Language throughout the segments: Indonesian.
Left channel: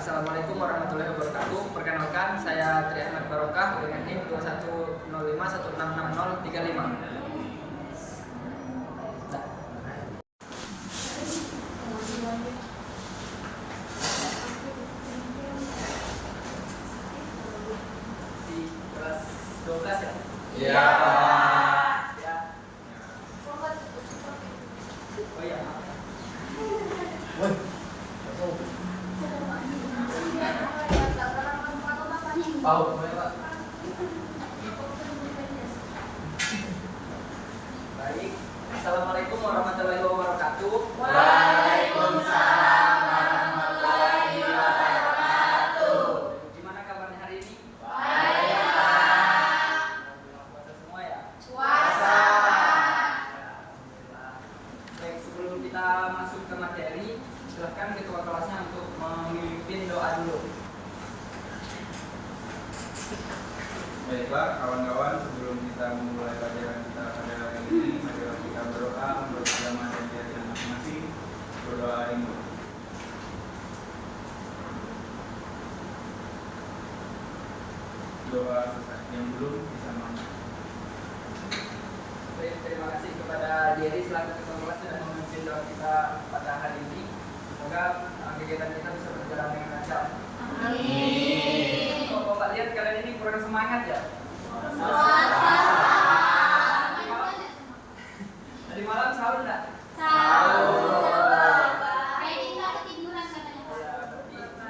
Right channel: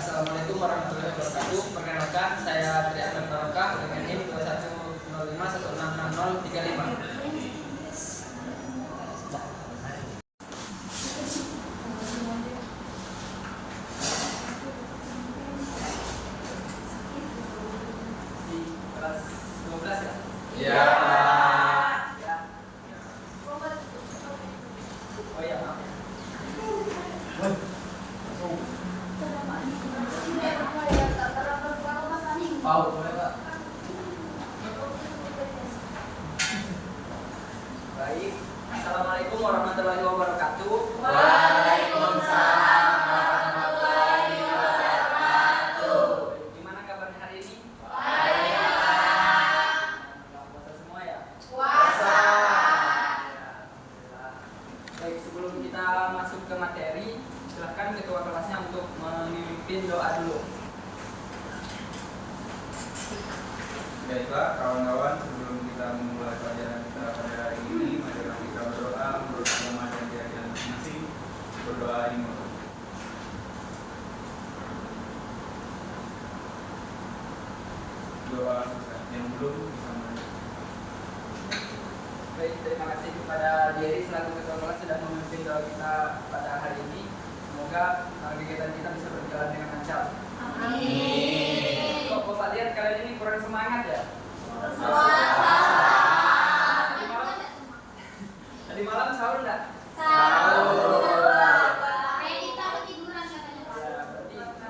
Assalamualaikum warahmatullahi wabarakatuh. Perkenalkan, saya Tri Ahmad Barokah dengan NIM 2105166035. Di kelas 12 ya? Iya. Ya. Oh iya, maaf. Paul, boleh Pak? Baik. Assalamualaikum warahmatullahi wabarakatuh. Waalaikumsalam warahmatullahi wabarakatuh. Gimana kabarnya hari ini? Baik, Pak. Puasa semua ya? Puasa. Baik, sebelum kita masuk ke materi, silakan ketua kelasnya untuk memimpin doa dulu. Baik Pak, kawan-kawan, sebelum kita memulai pelajaran kita pada hari ini, marilah kita berdoa menurut agama dan keyakinan masing-masing. Berdoa ini. Doa yang belum bisa maju. Baik, terima kasih kepada Jerry selaku ketua kelas sudah memimpin doa kita pada hari ini. Semoga kegiatan kita bisa berjalan dengan lancar. Amin. Kok Bapak lihat kalian ini kurang semangat ya? Tadi malam sahur enggak?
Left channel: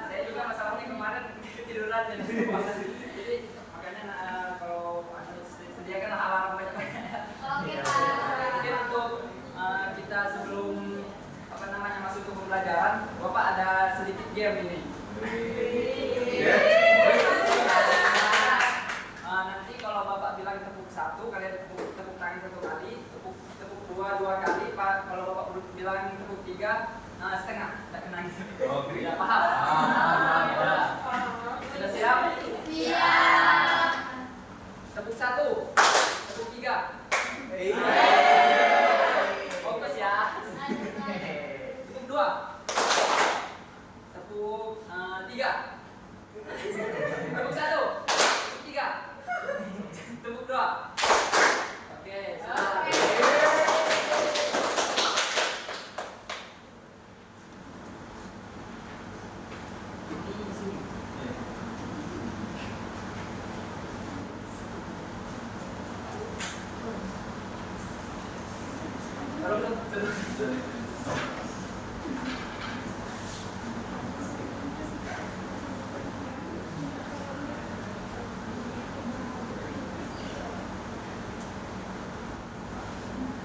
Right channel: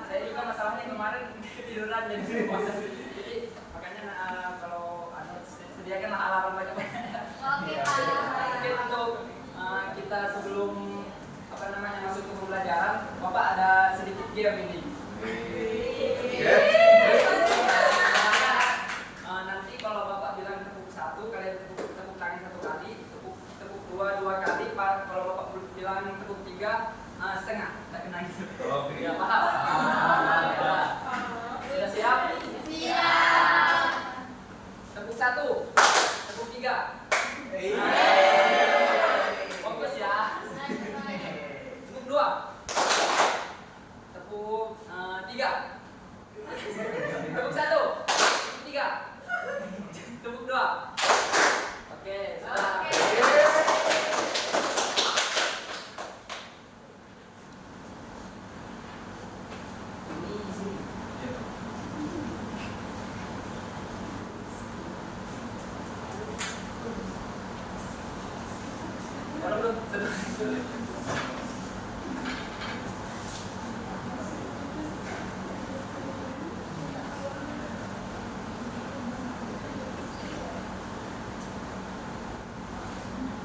Saya juga masalahnya kemarin ketiduran jadi makanya kalau sediakanlah alarm banyak-banyak. Mungkin untuk kita sebelum masuk ke pembelajaran, Bapak ada sedikit game ini. Nanti kalau Bapak bilang tepuk 1, kalian tepuk tangan 1 kali, tepuk 2 kali. Kalau Bapak bilang tepuk 3, setengah, tidak kena gitu. Ya paham? Sudah siap? Siap. Tepuk 1, tepuk 3. Fokus ya. Tepuk 2, tepuk 3. Tepuk 1, tepuk 3, tepuk 2. Oke, sudah. Ini di sini. Belum.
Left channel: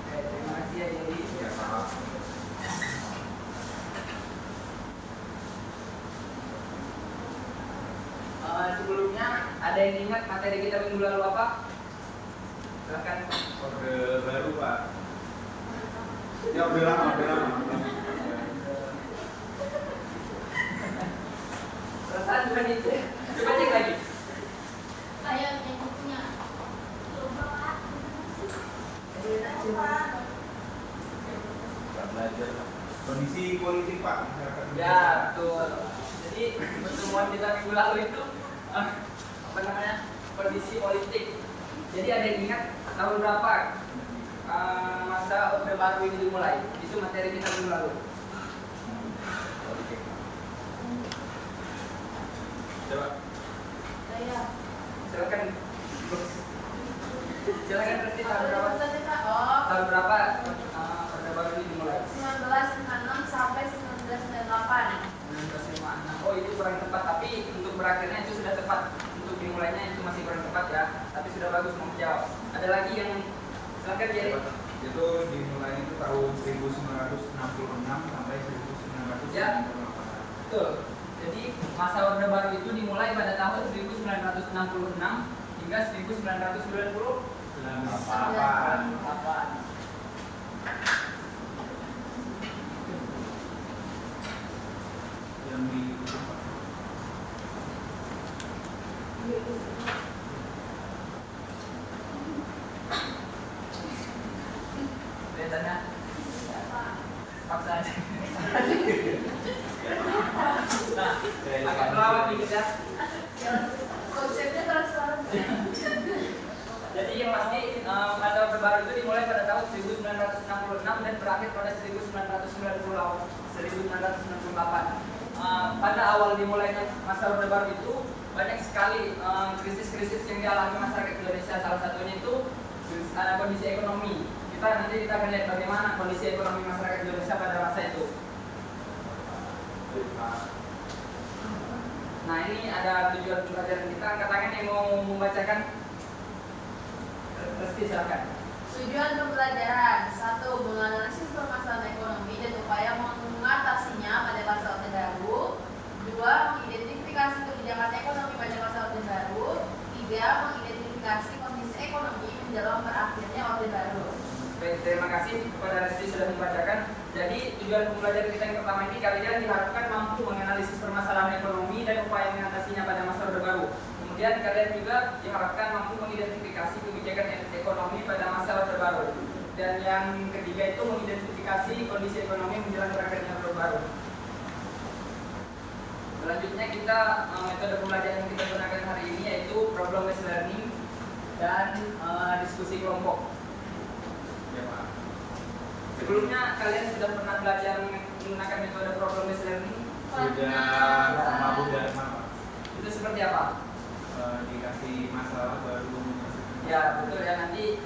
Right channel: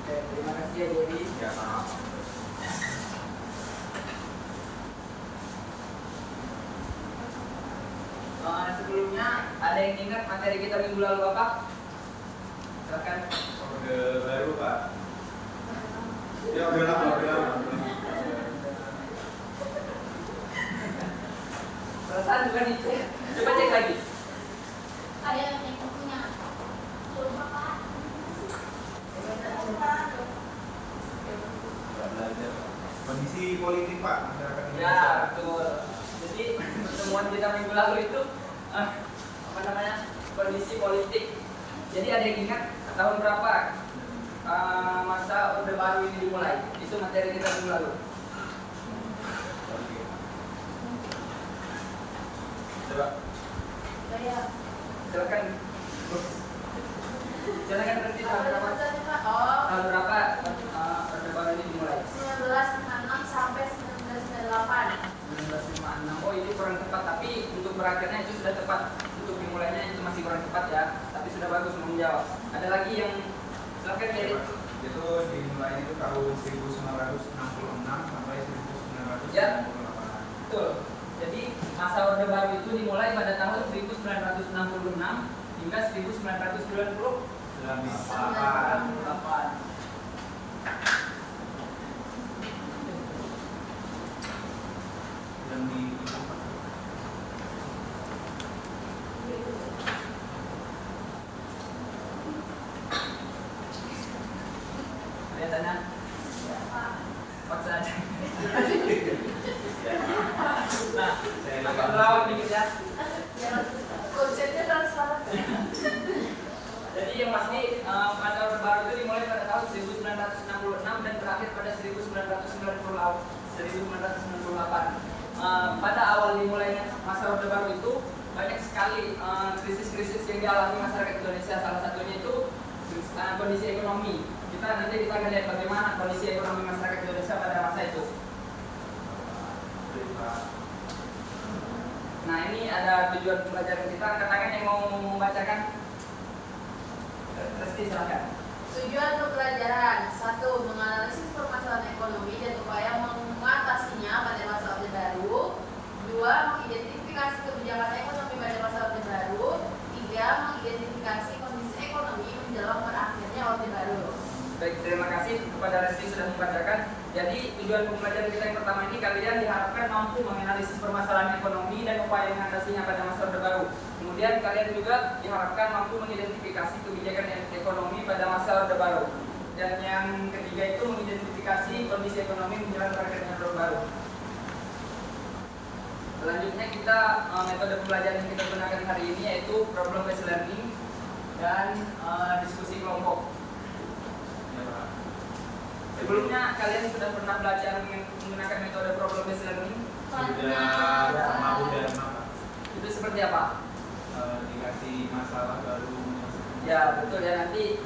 Oke, terima kasih ya Jerry. Ya, Pak. Sebelumnya ada yang ingat materi kita minggu lalu apa? Silakan. Orde baru Pak. Ya udah lama. Perasaan bukan itu ya. Coba cek lagi. Ayo cek bukunya. Pak belajar. Kondisi politik Pak masyarakat Ya, Indonesia. betul. Jadi pertemuan kita minggu lalu itu kondisi politik. Jadi ada yang ingat tahun berapa masa Orde Baru ini dimulai? Itu materi kita minggu lalu. Oke. Coba. Silakan. Silakan berarti tahun berapa? Tahun berapa Orde Baru ini dimulai? 1956 sampai 1998. 1956. Oh, ini kurang tepat, tapi untuk berakhirnya itu sudah tepat. Untuk dimulainya itu masih kurang tepat ya, tapi sudah bagus mau menjawab. Ada lagi yang silakan Jerry. Itu dimulainya itu tahun 1966 sampai 1998. Ya. Betul. Jadi masa Orde Baru itu dimulai pada tahun 1966 hingga 1998. Yang di Kelihatannya paksa aja. Nah, Saya agak lupa. melawak dikit ya. Konsepnya transparan. Jadi yang pasti masa Orde Baru itu dimulai pada tahun 1966 dan berakhir pada 1998. Pada awal dimulainya masa Orde Baru itu banyak sekali krisis-krisis yang dialami masyarakat Indonesia. Salah satunya itu kondisi ekonomi. Nanti kita akan lihat bagaimana kondisi ekonomi masyarakat Indonesia pada masa itu. Nah, ini ada tujuan pembelajaran kita. Angkat tangan yang mau membacakan. Resti, silakan. Tujuan pembelajaran 1. Menganalisis permasalahan ekonomi dan upaya mengatasinya pada masa Orde Baru. 2. Mengidentifikasi kebijakan ekonomi pada masa Orde Baru. 3. Mengidentifikasi kondisi ekonomi menjelang berakhirnya Orde Baru. Baik, terima kasih kepada Resti sudah membacakan. Jadi tujuan pembelajaran kita yang pertama ini, kalian diharapkan mampu menganalisis permasalahan ekonomi dan upaya mengatasinya pada masa Orde Baru. Kemudian kalian juga diharapkan mampu mengidentifikasi kebijakan ekonomi pada masa Orde Baru. Dan yang ketiga itu mengidentifikasi kondisi ekonomi menjelang berakhirnya Orde Baru. Selanjutnya kita metode pembelajaran yang kita gunakan hari ini yaitu problem based learning dan diskusi kelompok. Sebelumnya kalian sudah pernah belajar menggunakan metode problem based learning? Sudah sama Bu Dharma, Pak. Itu seperti apa? Dikasih masalah baru menyelesaikan. Ya betul ya, nanti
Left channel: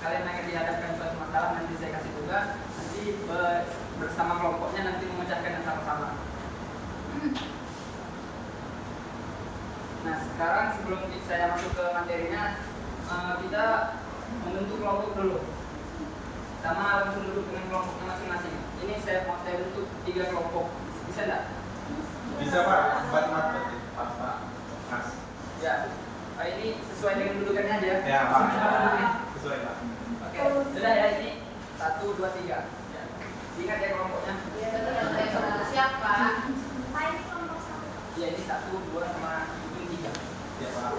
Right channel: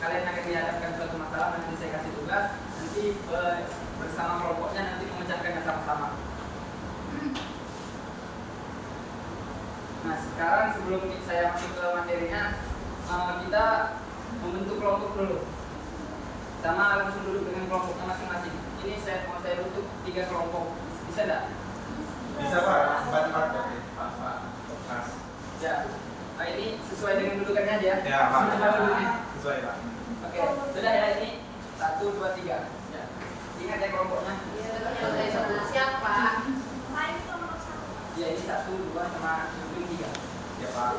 kalian akan dihadapkan suatu masalah, nanti saya kasih tugas, nanti bersama kelompoknya nanti memecahkannya sama-sama. Nah sekarang sebelum saya masuk ke materinya, kita membentuk kelompok dulu. Sama langsung duduk dengan kelompoknya masing-masing. Ini mau saya bentuk 3 kelompok. Bisa enggak? Bisa Pak, 4 marker. Pas. Ya. Ini sesuai dengan dudukannya aja. Ya Pak. Sesuai duduknya. Sesuai Pak. Oke. Sudah ya, ini 1, 2, 3. Ya. Ingat ya kelompoknya. Siapa? Ya ini 1, 2 sama ini 3. Ya Pak.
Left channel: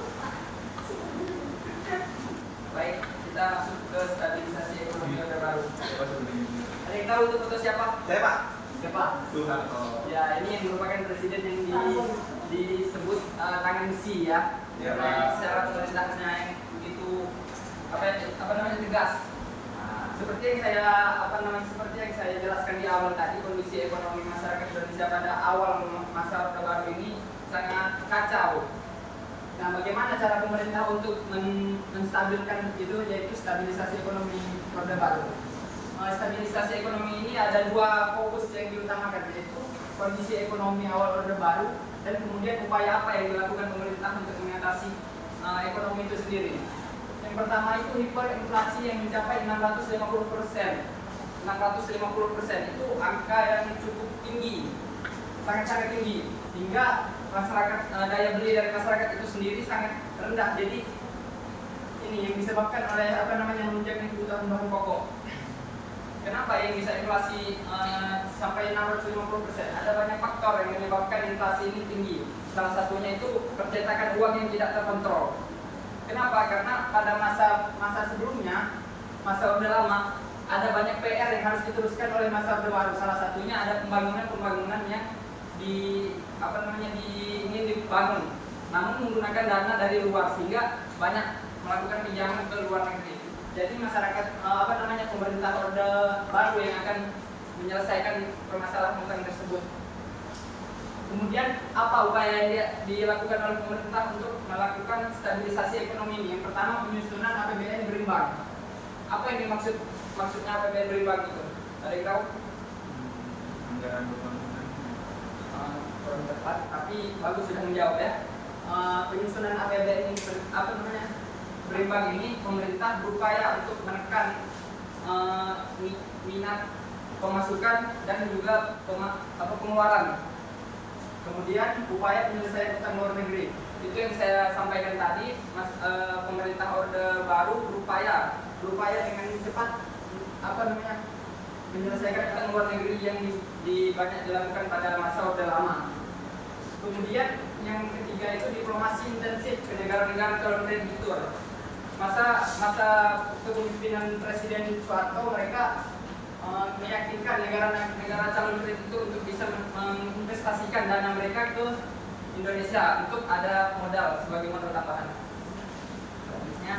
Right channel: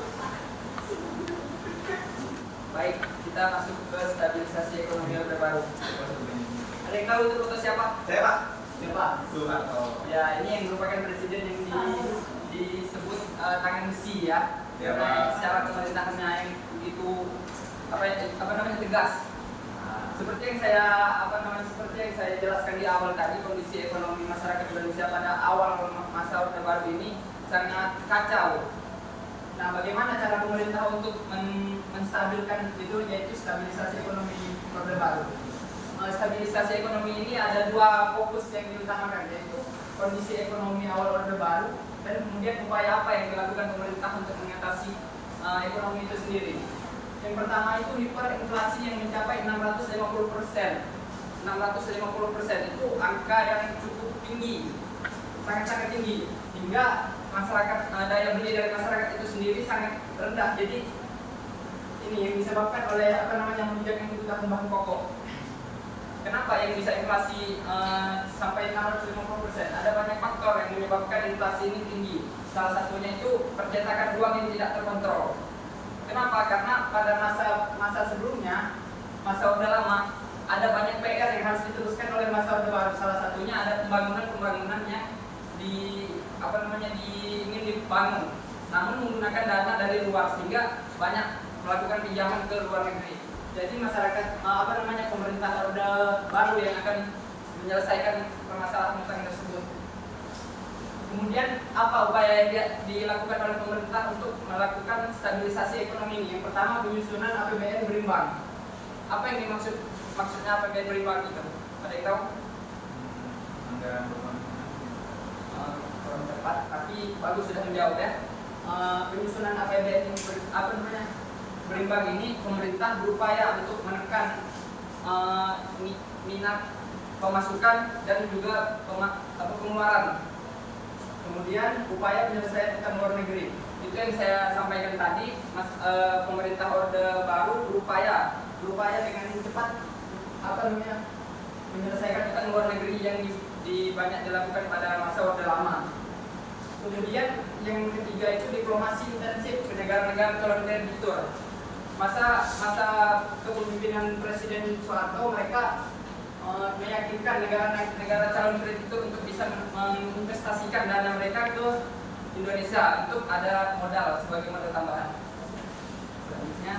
Baik, kita masuk ke stabilisasi ekonomi Orde Baru. Coba sebelumnya. Ada yang tahu itu foto siapa? Saya Pak. Siapa? Soeharto. Ya, ini yang merupakan presiden yang disebut tangan besi ya. Ya, Karena Pak. secara pemerintahannya yang begitu apa namanya tegas. Seperti yang saya jelaskan di awal tadi, kondisi ekonomi masyarakat Indonesia pada awal masa Orde Baru ini sangat kacau. Nah, bagaimana cara pemerintah untuk menstabilkan itu, yaitu stabilisasi ekonomi Orde Baru. Stabilisasi ekonomi ini ada 2 fokus yang diutamakan, yaitu kondisi ekonomi awal Orde Baru dan kemudian upaya apa yang dilakukan pemerintah untuk mengatasi ekonomi itu sendiri. Yang pertama itu hiperinflasi yang mencapai 650%. 650% itu angka yang cukup tinggi, sangat-sangat tinggi, hingga masyarakat daya beli dari masyarakat itu sendiri sangat rendah. Jadi ini yang disebabkan oleh melonjaknya kebutuhan bahan pokok. Kenapa yang bisa inflasi sampai 650%? Ada banyak faktor yang menyebabkan inflasi ini tinggi. Salah satunya itu percetakan uang yang tidak terkontrol. Kenapa? Karena pada masa sebelumnya, masa Orde Lama, ada banyak PR yang harus diteruskan oleh masa Orde Baru. Salah satunya ada pembangunan yang ingin dibangun, namun menggunakan dana dari luar, sehingga banyak melakukan pinjaman ke luar negeri. Jadi masyarakat pemerintah Orde Baru yang akan menyelesaikan permasalahan utang tersebut. Kemudian apa upaya yang dilakukan oleh pemerintah untuk melakukan stabilisasi ekonomi ini? Yang pertama, penyusunan APBN berimbang. Apa yang maksudnya APBN berimbang itu? Ada yang tahu? Anggaran pembangunan. Kurang tepat, tapi bagus sudah menjawab ya. Penyusunan APBN yang berimbang ini, pemerintah berupaya untuk menekan minat pemasukan dan juga pengeluaran. Kemudian upaya penyelesaian utang luar negeri, itu yang saya sampaikan tadi. Pemerintah Orde Baru berupaya dengan cepat menyelesaikan utang luar negeri yang banyak dilakukan pada masa Orde Lama. Kemudian yang ketiga itu diplomasi intensif ke negara-negara calon kreditur. Masa kepemimpinan Presiden Soeharto, mereka meyakinkan negara calon kredit untuk bisa menginvestasikan dana mereka ke Indonesia untuk ada modal sebagai modal tambahan. Selanjutnya,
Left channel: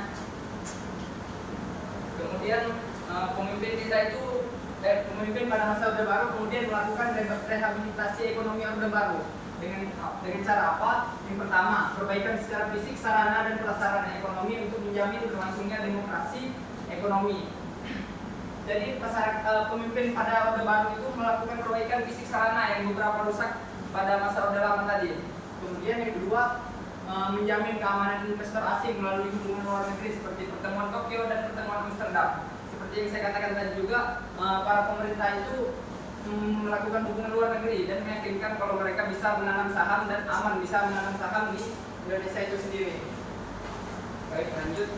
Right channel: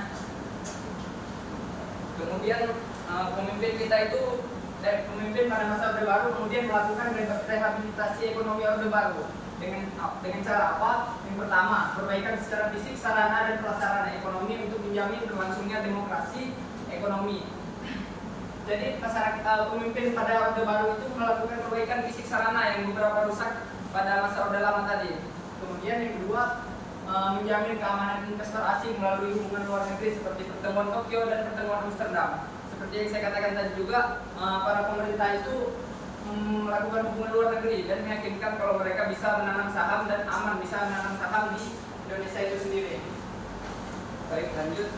kemudian pemimpin kita itu pemimpin pada masa Orde Baru kemudian melakukan rehabilitasi ekonomi Orde Baru dengan cara apa? Yang pertama, perbaikan secara fisik, sarana dan prasarana ekonomi untuk menjamin berlangsungnya demokrasi ekonomi. Jadi masyarakat pemimpin pada Orde Baru itu melakukan perbaikan fisik sarana yang beberapa rusak pada masa Orde Lama tadi. Kemudian yang kedua, menjamin keamanan investor asing melalui hubungan luar negeri seperti pertemuan Tokyo dan pertemuan Amsterdam. Seperti yang saya katakan tadi juga, para pemerintah itu melakukan hubungan luar negeri dan meyakinkan kalau mereka bisa menanam saham dan aman bisa menanam saham di Indonesia itu sendiri. Baik, lanjut.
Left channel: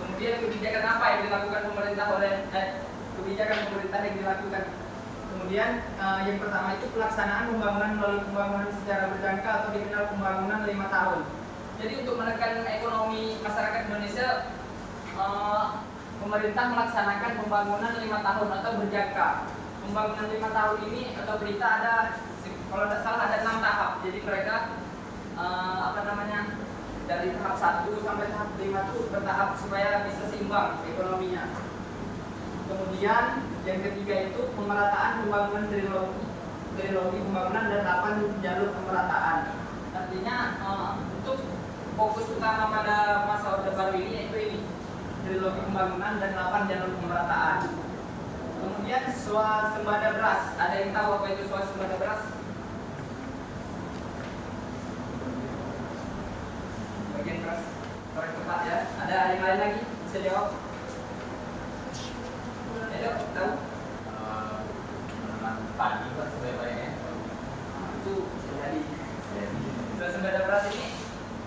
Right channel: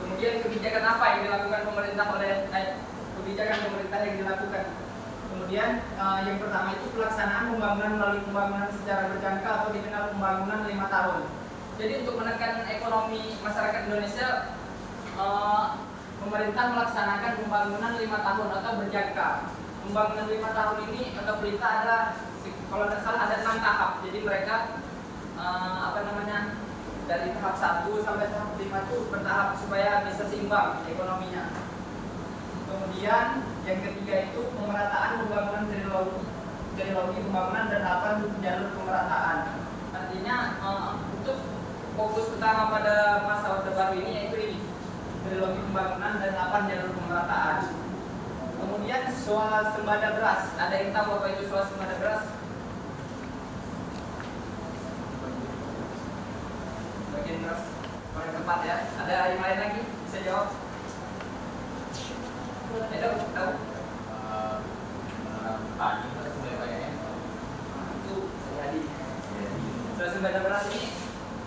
Kemudian kebijakan apa yang dilakukan pemerintah kebijakan pemerintah yang dilakukan. Kemudian yang pertama itu pelaksanaan pembangunan melalui pembangunan secara berjangka atau dikenal pembangunan 5 tahun. Jadi untuk menekan ekonomi masyarakat Indonesia, pemerintah melaksanakan pembangunan 5 tahun atau berjangka. Pembangunan 5 tahun ini atau berita ada, kalau tidak salah ada 6 tahap. Jadi mereka dari tahap 1 sampai tahap 5 itu bertahap supaya bisa seimbang ekonominya. Kemudian yang ketiga itu pemerataan pembangunan trilogi pembangunan dan 8 jalur pemerataan. Artinya untuk fokus utama pada masa Orde Baru ini yaitu ini, trilogi pembangunan dan 8 jalur pemerataan. Kemudian swasembada beras. Ada yang tahu apa itu swasembada beras? Bagian beras korek tepat ya. Ada yang lain lagi bisa jawab? Ada tahu? Menanam padi Pak sebenarnya. Itu jadi. Swasembada beras ini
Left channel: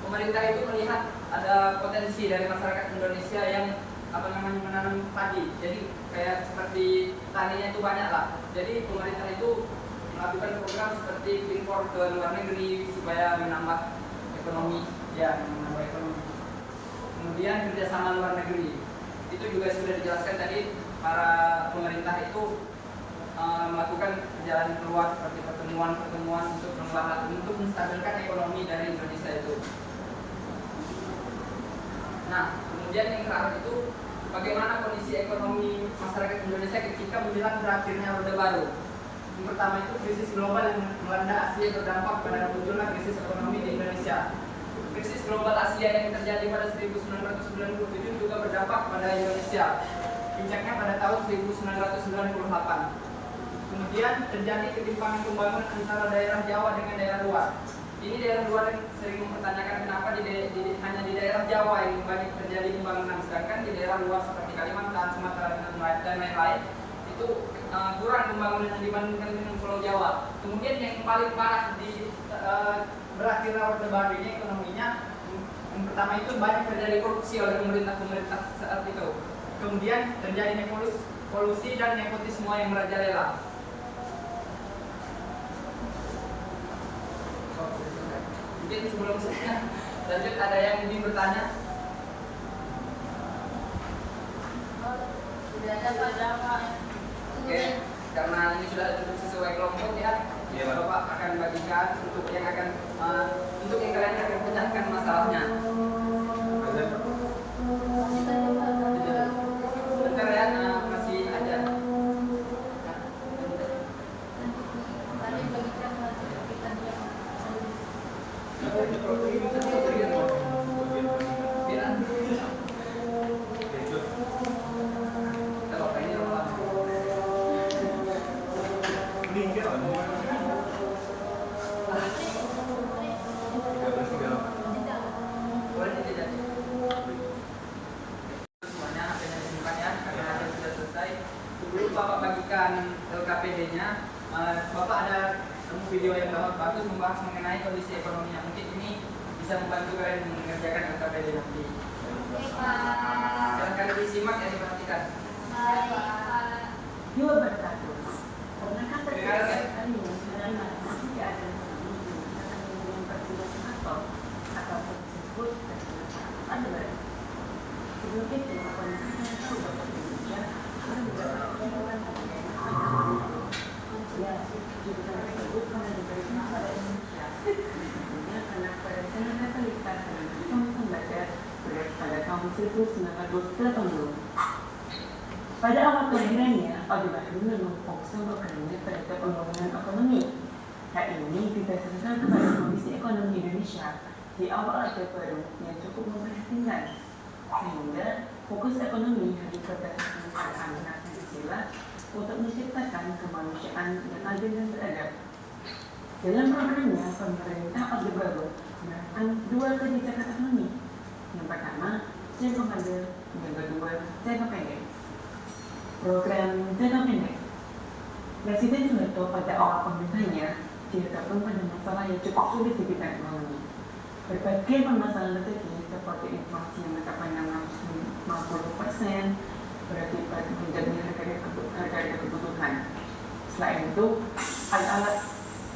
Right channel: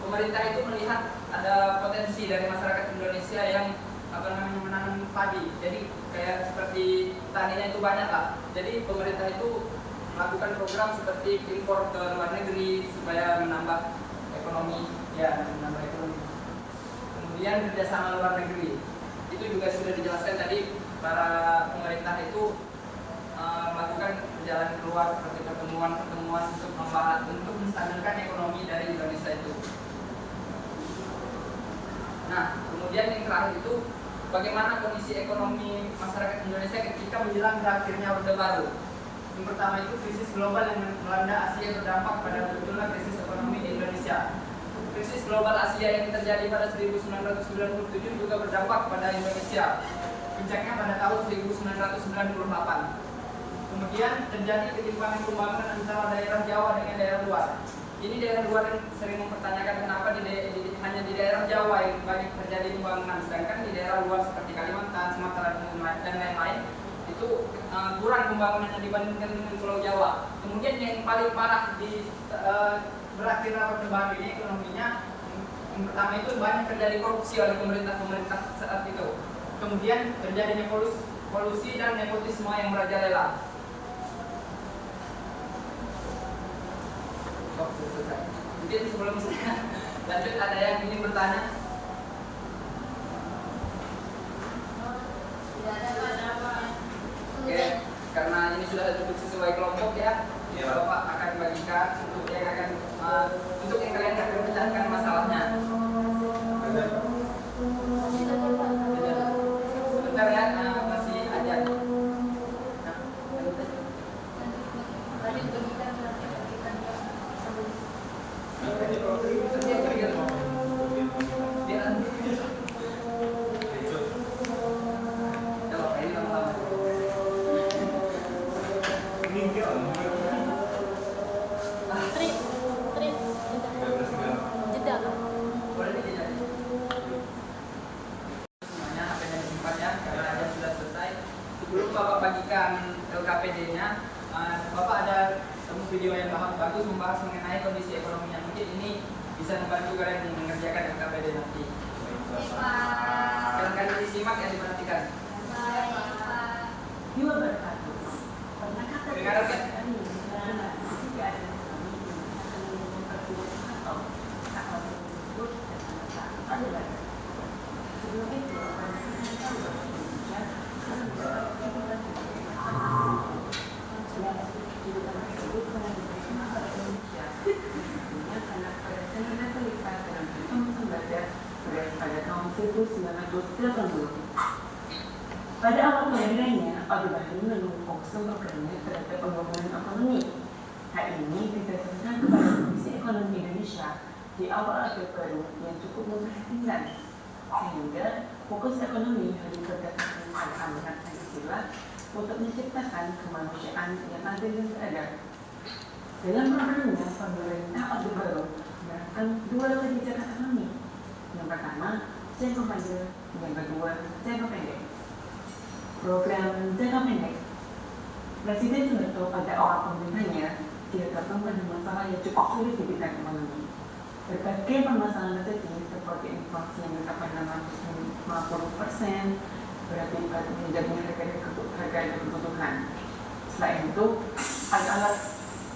pemerintah itu melihat ada potensi dari masyarakat Indonesia yang menanam padi. Jadi kayak seperti petaninya itu banyak lah. Jadi pemerintah itu melakukan program seperti impor ke luar negeri supaya menambah ekonomi. Kemudian kerjasama luar negeri. Itu juga sudah dijelaskan tadi, para pemerintah itu melakukan perjalanan keluar seperti pertemuan-pertemuan untuk menstabilkan ekonomi dari Indonesia itu. Nah, kemudian yang terakhir itu bagaimana kondisi ekonomi masyarakat Indonesia ketika menjelang berakhirnya Orde Baru. Yang pertama itu krisis global yang melanda Asia berdampak pada munculnya krisis ekonomi di Indonesia. Krisis global Asia yang terjadi pada 1997 juga berdampak pada Indonesia. Puncaknya pada tahun 1998. Kemudian terjadi ketimpangan pembangunan antara daerah Jawa dengan daerah luar. Ini daerah luar yang sering mempertanyakan kenapa hanya di daerah Jawa yang banyak terjadi pembangunan, sedangkan di daerah luar seperti Kalimantan, Sumatera dan lain-lain itu kurang pembangunannya dibandingkan dengan Pulau Jawa. Kemudian yang paling parah di berakhir Orde Baru ini ekonominya, yang pertama itu banyak terjadi korupsi oleh pemerintah saat itu. Kemudian terjadinya kolusi dan nepotisme yang merajalela. Mungkin sebelum saya lanjut ada yang ingin bertanya? Tidak ada Pak. Oke, karena ini sudah ditutup sesuai kelompok ya, Ya, Bapak akan bagikan untuk yang kalian akan pecahkan masalahnya. Sebentar ya, masih aja. Sebelum Bapak bagikan LKPD-nya, Bapak ada temu video yang bagus membahas mengenai kondisi ekonominya. Mungkin ini bisa membantu kalian mengerjakan LKPD nanti. Silahkan disimak dan diperhatikan. Dengar ya? Itu kedudukan tersebut karena diberikan pada Indonesia. Tentunya karena pada tahun totalitas dengan sistem pembaca pada tahun 1980. Pada awal kelahirannya, Orde Baru menumpuk programnya terhadap pembangunan ekonomi. Hal ini didasarkan kepada kondisi ekonomi Indonesia di awal Orde Baru yang cukup memprihatinkan, sehingga fokus ekonomi harus berdasarkan pada amanat Pancasila untuk menciptakan kemanusiaan yang adil dan beradab. Dalam programnya, pemerintah Orde Baru menerapkan dua kebijakan ekonomi. Yang pertama, jangka panjang, yang kedua, jangka pendek. Program jangka pendek. Presiden Soeharto pada awal pemerintahannya dihadapkan pada masalah yang cukup sulit di bidang ekonomi. Berbagai permasalahan terjadi seperti inflasi yang mencapai 650%, berakibat menjadinya harga kebutuhan. Selain itu, alat-alat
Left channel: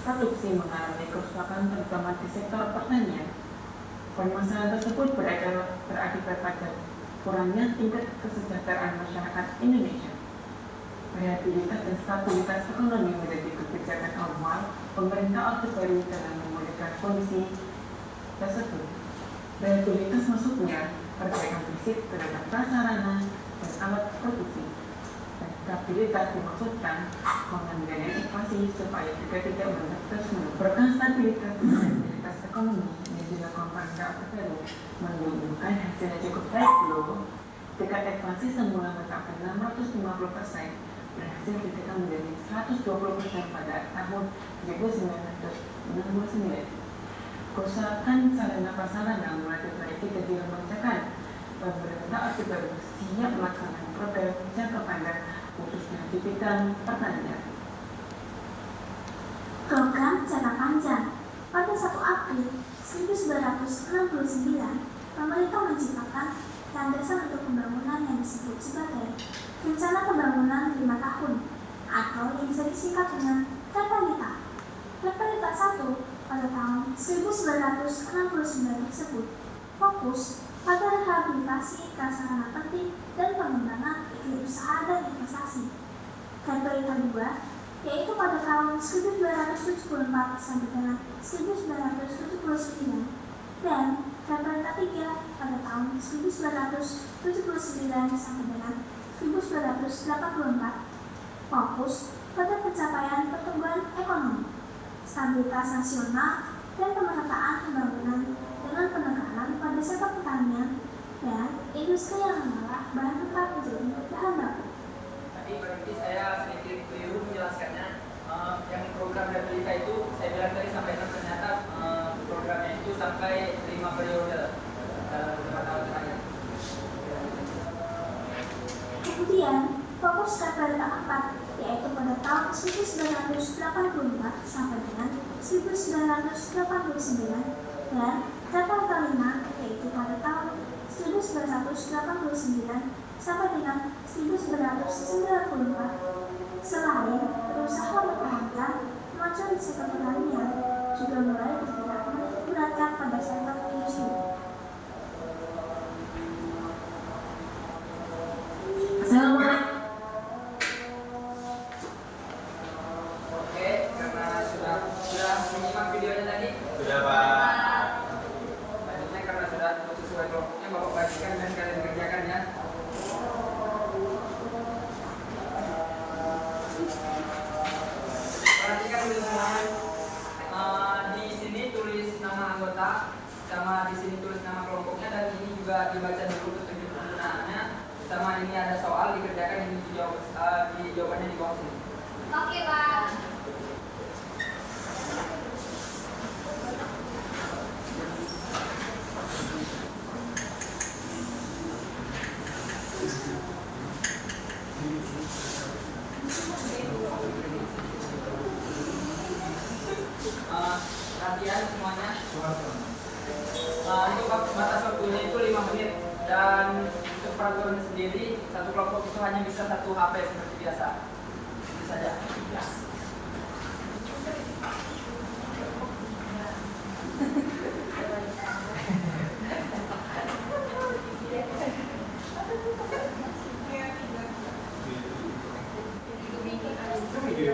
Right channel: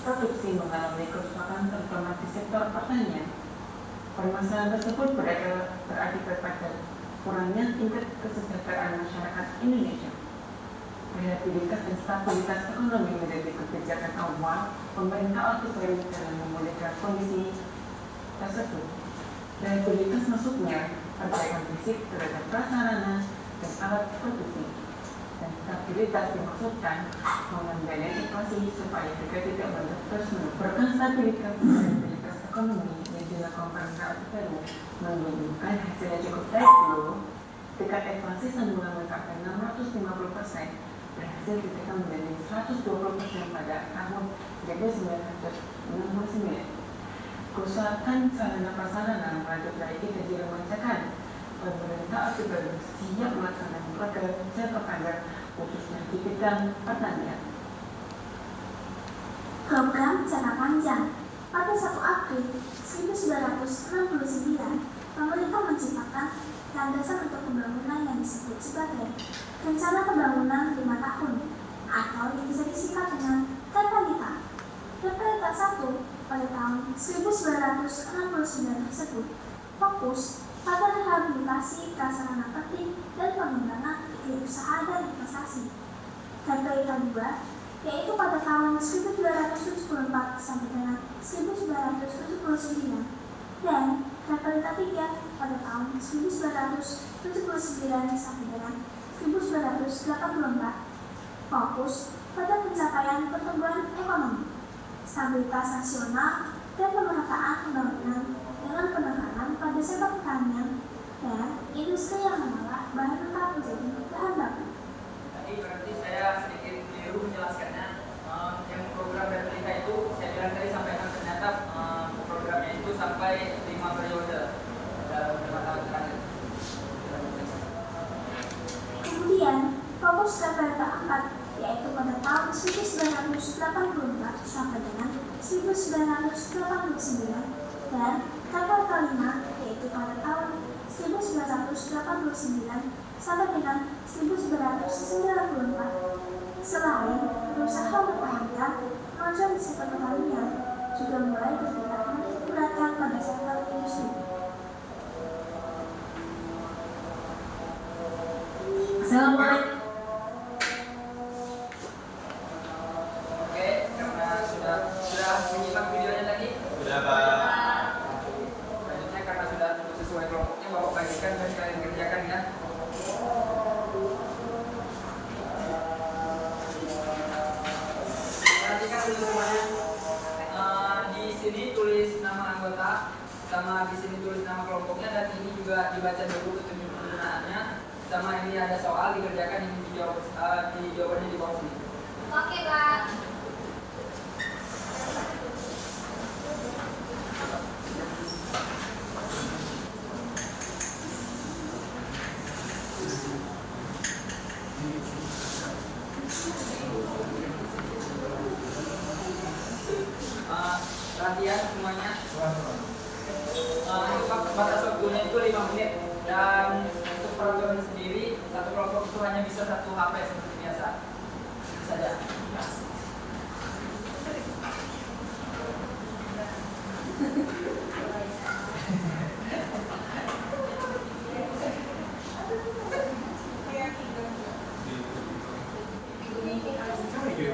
produksi mengalami kerusakan terutama di sektor pertanian. Permasalahan tersebut berakibat pada kurangnya tingkat kesejahteraan masyarakat Indonesia. Reliabilitas dan stabilitas ekonomi menjadi kebijakan awal pemerintah Orde Baru dalam memulihkan kondisi tersebut. Reliabilitas maksudnya perbaikan fisik terhadap prasarana dan alat produksi. Dan stabilitas dimaksudkan mengendalikan inflasi supaya juga tidak terus menyebabkan stabilitas dan stabilitas ekonomi yang dilakukan pemerintah Orde Baru menunjukkan hasilnya cukup baik loh. Tingkat inflasi semula mencapai 650%, berhasil ditekan menjadi 120% pada tahun 1969. Kerusakan sarana prasarana mulai diperbaiki dan diremajakan. Pemerintah Orde Baru siap melaksanakan program jangka panjang khususnya di bidang pertanian. Program jangka panjang. Pada 1 April 1969, pemerintah menciptakan landasan untuk pembangunan yang disebut sebagai Rencana Pembangunan 5 Tahun atau yang bisa disingkat dengan TPLITA. TPLITA 1 pada tahun 1969 tersebut fokus pada rehabilitasi prasarana penting dan pengembangan iklim usaha dan investasi. TPLITA 2 yaitu pada tahun 1974 sampai dengan 1979 dan TPLITA 3 pada tahun 1979 sampai dengan 1984 fokus pada pencapaian pertumbuhan ekonomi, stabilitas nasional, dan pemerataan pembangunan dengan penekanan pada sektor pertanian dan industri yang mengolah bahan mentah menjadi bahan baku. Tadi berarti saya sedikit keliru menjelaskannya. Yang program Replika itu saya bilang tadi sampaikan ternyata programnya itu sampai 5 periode dalam 2 tahun terakhir. Kemudian fokus TPLITA 4 yaitu pada tahun 1984 sampai dengan 1989 dan TPLITA 5 yaitu pada tahun 1989 sampai dengan 1994. Selain berusaha mempertahankan kemajuan di sektor pertanian, juga mulai bergerak menitik beratkan pada sektor industri. Assalamualaikum. Oke, karena sudah menyimak videonya tadi. Sudah, Pak. Selanjutnya karena sudah sesuai kelompoknya, Bapak bagikan dan kalian kerjakan ya. Perhatikan dulu semuanya. Di sini tulis nama anggota, sama di sini tulis nama kelompoknya, dan ini juga dibaca dulu petunjuk penggunaannya. Sama ini ada soal dikerjakan, ini dijawab, jawabannya di bawah sini. Oke, Pak. Perhatian semuanya. Ini batas waktunya itu 5 menit, dan untuk peraturan sendiri satu kelompok itu hanya bisa 1 HP seperti biasa. Itu saja. Iya.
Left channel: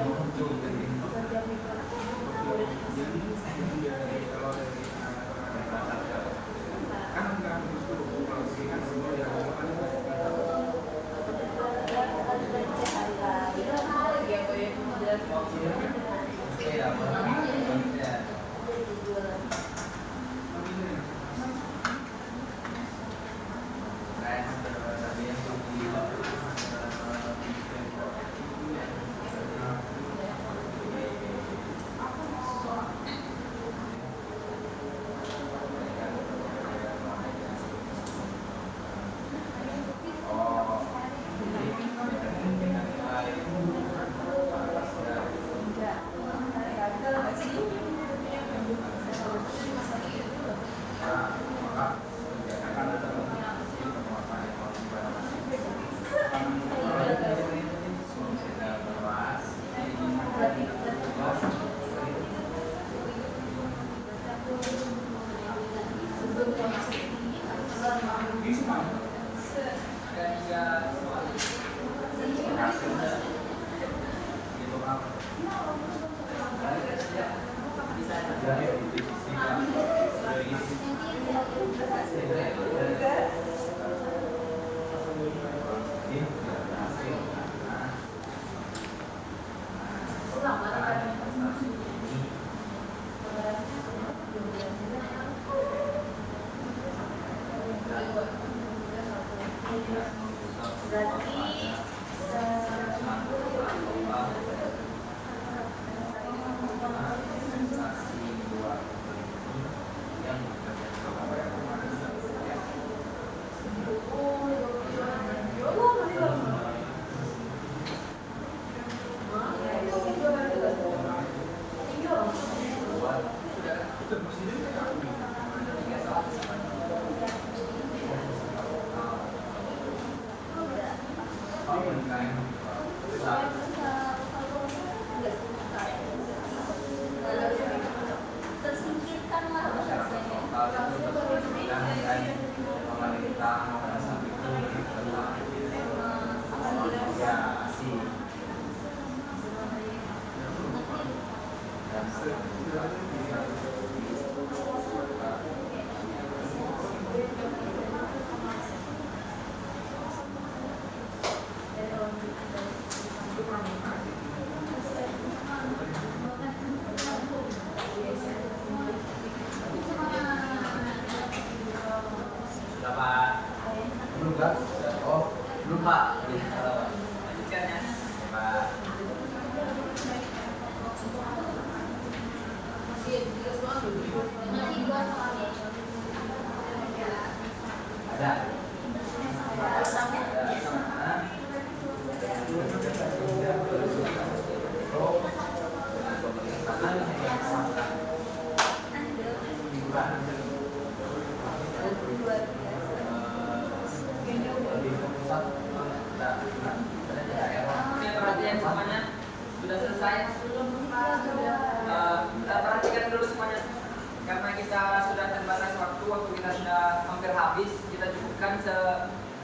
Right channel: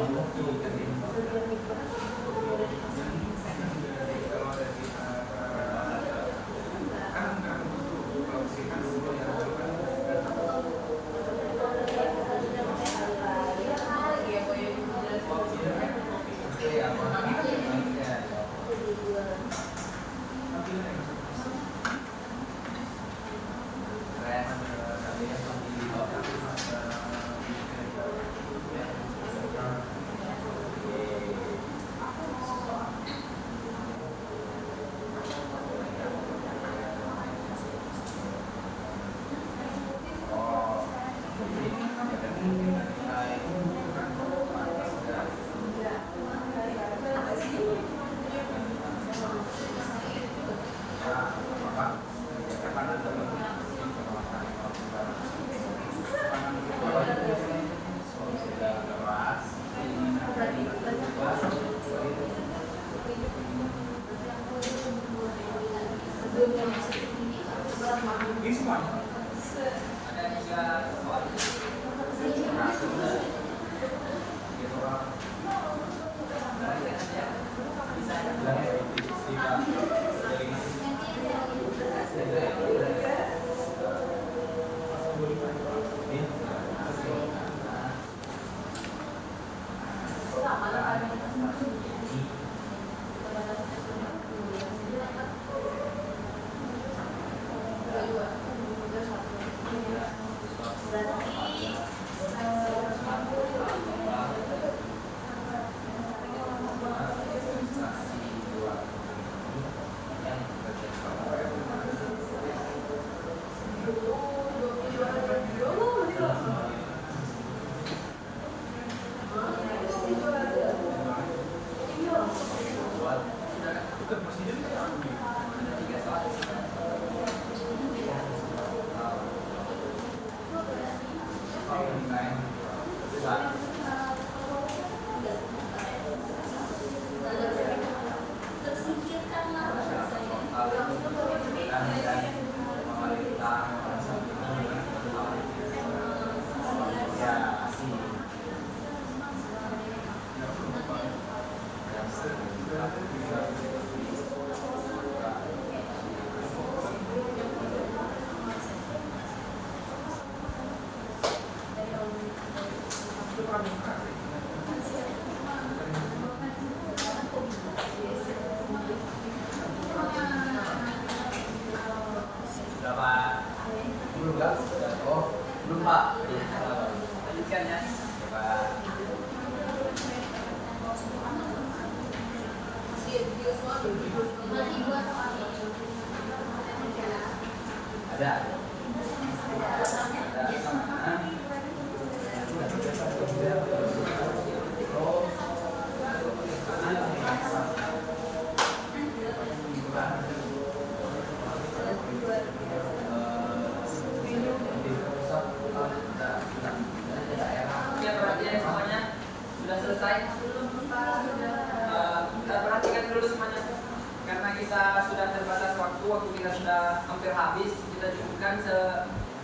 setiap mikro boleh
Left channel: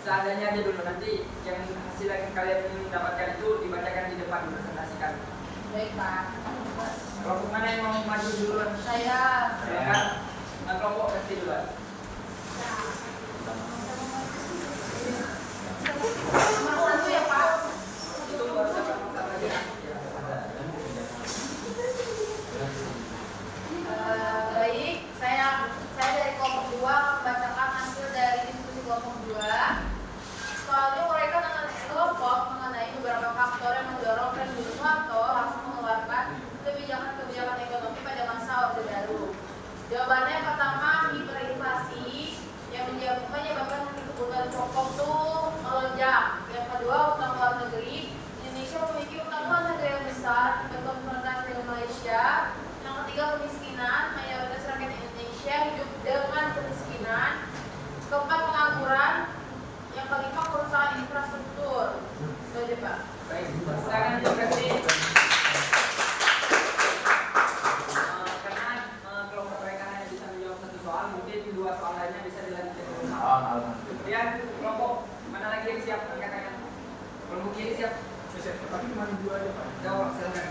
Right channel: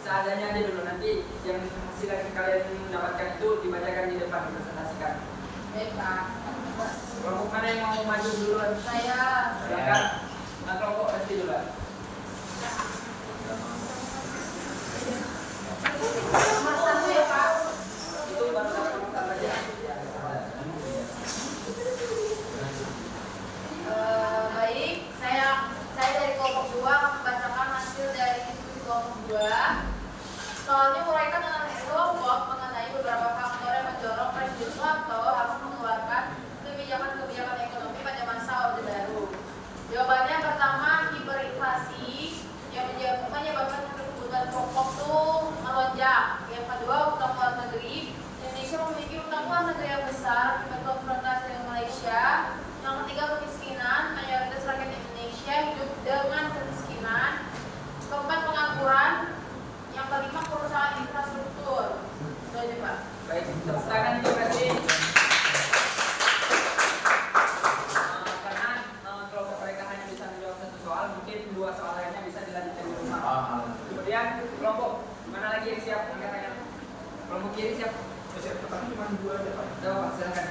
seadanya aja dulu, nanti yang hasil yang kalian dapatkan itu dibacakan di depan, dipresentasikan. Baik Pak. Kelompok mana yang mau maju duluan? Saya. Kan? Nah, kelompok SD duluan. Nomor 1 ya Pak. Itu masalah aja. Baik, saya dari kelompok 2 membacakan hasil dari diskusi kelompok 2. Soalnya uraikan dengan kelompok mengenai beberapa faktor yang mendorong Presiden Soeharto harus mengeluarkan kebijakan-kebijakan ekonomi pada masa Orde Baru. Jawabannya pertama, hiperinflasi yang menyebabkan kebutuhan pokok tuh melonjak. Yang kedua, utang luar negeri. Indonesia memiliki utang luar negeri yang besar akibat konfrontasi dengan Malaysia. Yang ketiga, kemiskinan. Mayoritas rakyat Indonesia hidup dengan kemiskinan. Keempat, pengangguran. Yang kelima, kerusakan infrastruktur. Itu aja Pak. Baik, silakan Ibu Presiden. Karena kelompok mereka hanya bisa menjawab satu soal, mungkin 2 soal lainnya bisa dilanjutkan di rumah. Kemudian kelompok mana lagi yang siap? Angkat tangan. Kelompok kiri siap. Tapi cuma 2 aja Pak. Jawab, silakan.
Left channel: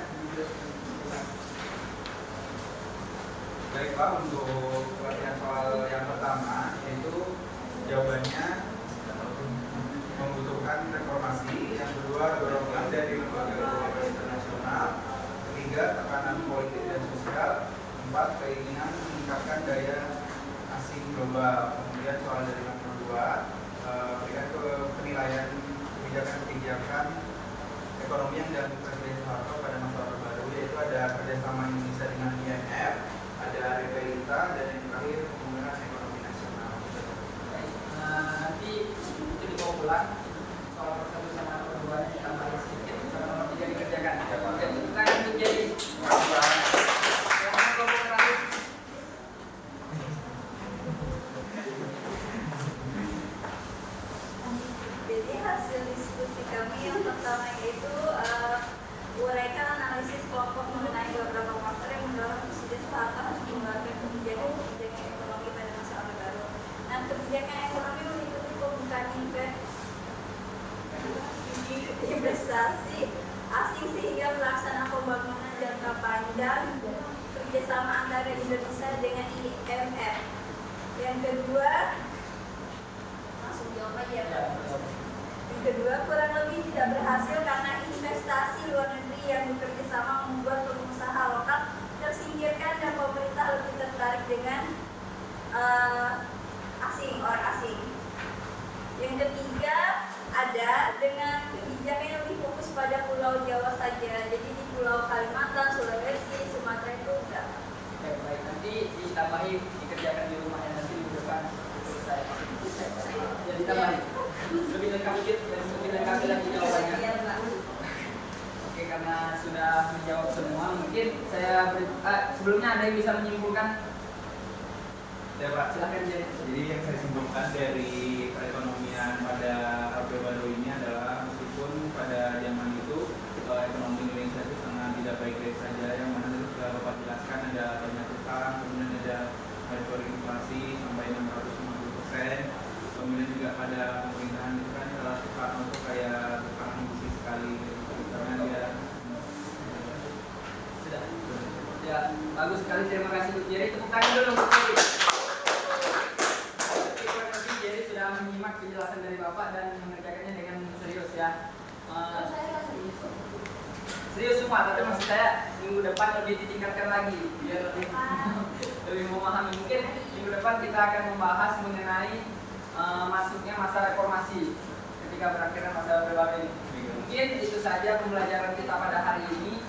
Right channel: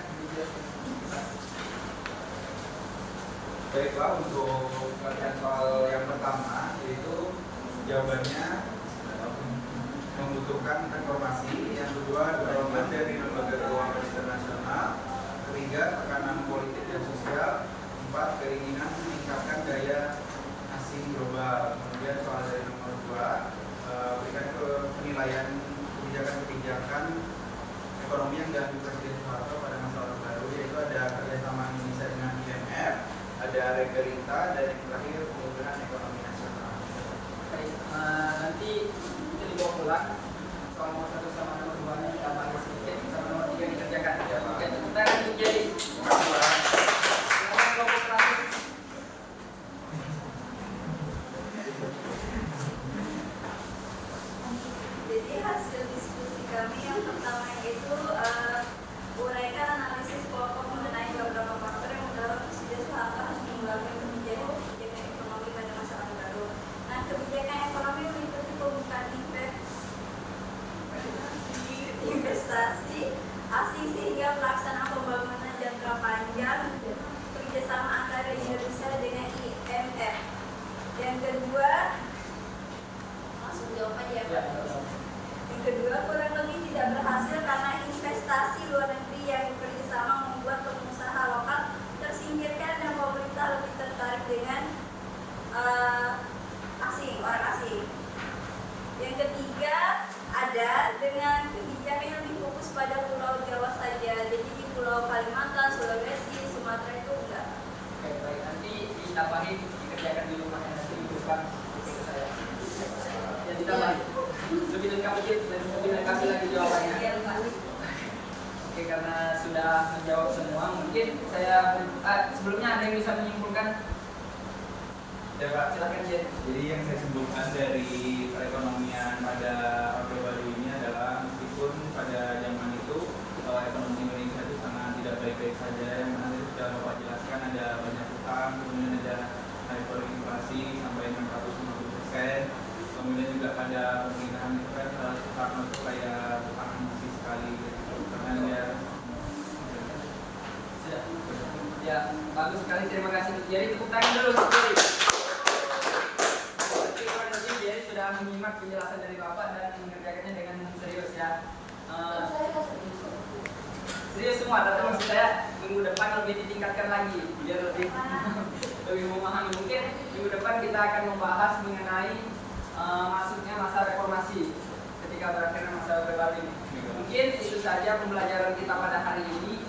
Baiklah, untuk pertanyaan soal yang pertama, yaitu jawabannya membutuhkan reformasi. Yang kedua, dorongan dari lembaga keuangan internasional. Ketiga, tekanan politik dan sosial. Empat, keinginan meningkatkan daya asing global. Kemudian soal dari nomor 2, berikan ke penilaian kebijakan-kebijakan ekonomi yang dan Presiden Soeharto pada masa Orde Baru, yaitu ada kerjasama Indonesia dengan IMF, ada Regalita, dan yang terakhir pembangunan ekonomi nasional. Baik, nanti jadi bawa pulang soal nomor 1 sama nomor 2 kita bahas sedikit, sama nomor 3 dikerjakan. Jadi kita akan menjadi yang nomor terakhir. Jadi hasil diskusi kami yang pertama yaitu uraikan analisis kelompok mengenai beberapa faktor yang mendorong Presiden Soeharto harus mengeluarkan kebijakan ekonomi pada masa Orde Baru. Nah, kebijakan ekonomi meliputi pembukaan investasi asing sehingga pelaksanaan pembangunan jangka panjang kerjasama antara Indonesia dengan IMF. Yang kedua, langsung jawab aja Pak. Yang kedua, kurang lebih tidak berhasil karena investasi luar negeri yang bekerjasama membuat pengusaha lokal tersingkirkan dan pemerintah lebih tertarik dengan orang asing. Yang ketiga, ada dengan kebijakan yang lebih fokus pada Pulau Jawa saja. Jadi di Pulau Kalimantan, Sulawesi, Sumatera itu enggak. Baik, nanti ditambahi dikerjakan di rumah dan nanti ditunjukkan titik saya. Ya ditambahi. Lebih lengkap dikit dan lebih lengkap lagi jawabannya. Iya, Pak. Oke, karena sudah menjawab semua, mungkin saya sebelumnya ada yang bisa menyimpulkan. Ya Pak, Silakan ya. jadi yang saya simpulkan dari perekonomian pada Orde Baru ini adalah meskipun pada zaman itu ekonomi Indonesia itu sangat tidak baik-baik saja, yang mana itu sudah Bapak jelaskan, ada banyak utang, kemudian ada hyperinflasi sampai 650%, kemudian juga pada pemerintahan itu kan Soekarno itu kayak bertahan ambisi sekali karena dia Ya, bagus sekali, terima kasih. Jadi tepuk tangan dulu untuk Jerry. Jerry sudah menyimak penjelasan dari Bapak dan mengerjakannya dengan serius ya. Serius semua, tapi maksud saya minggu depan lebih ditingkatkan lagi biar lebih lebih memahami. Mungkin minggu depan kita akan membahas mengenai masuknya masa reformasi ketika berakhirnya masa Orde Baru ini. Mungkin itu saja pembelajaran kita pada hari ini.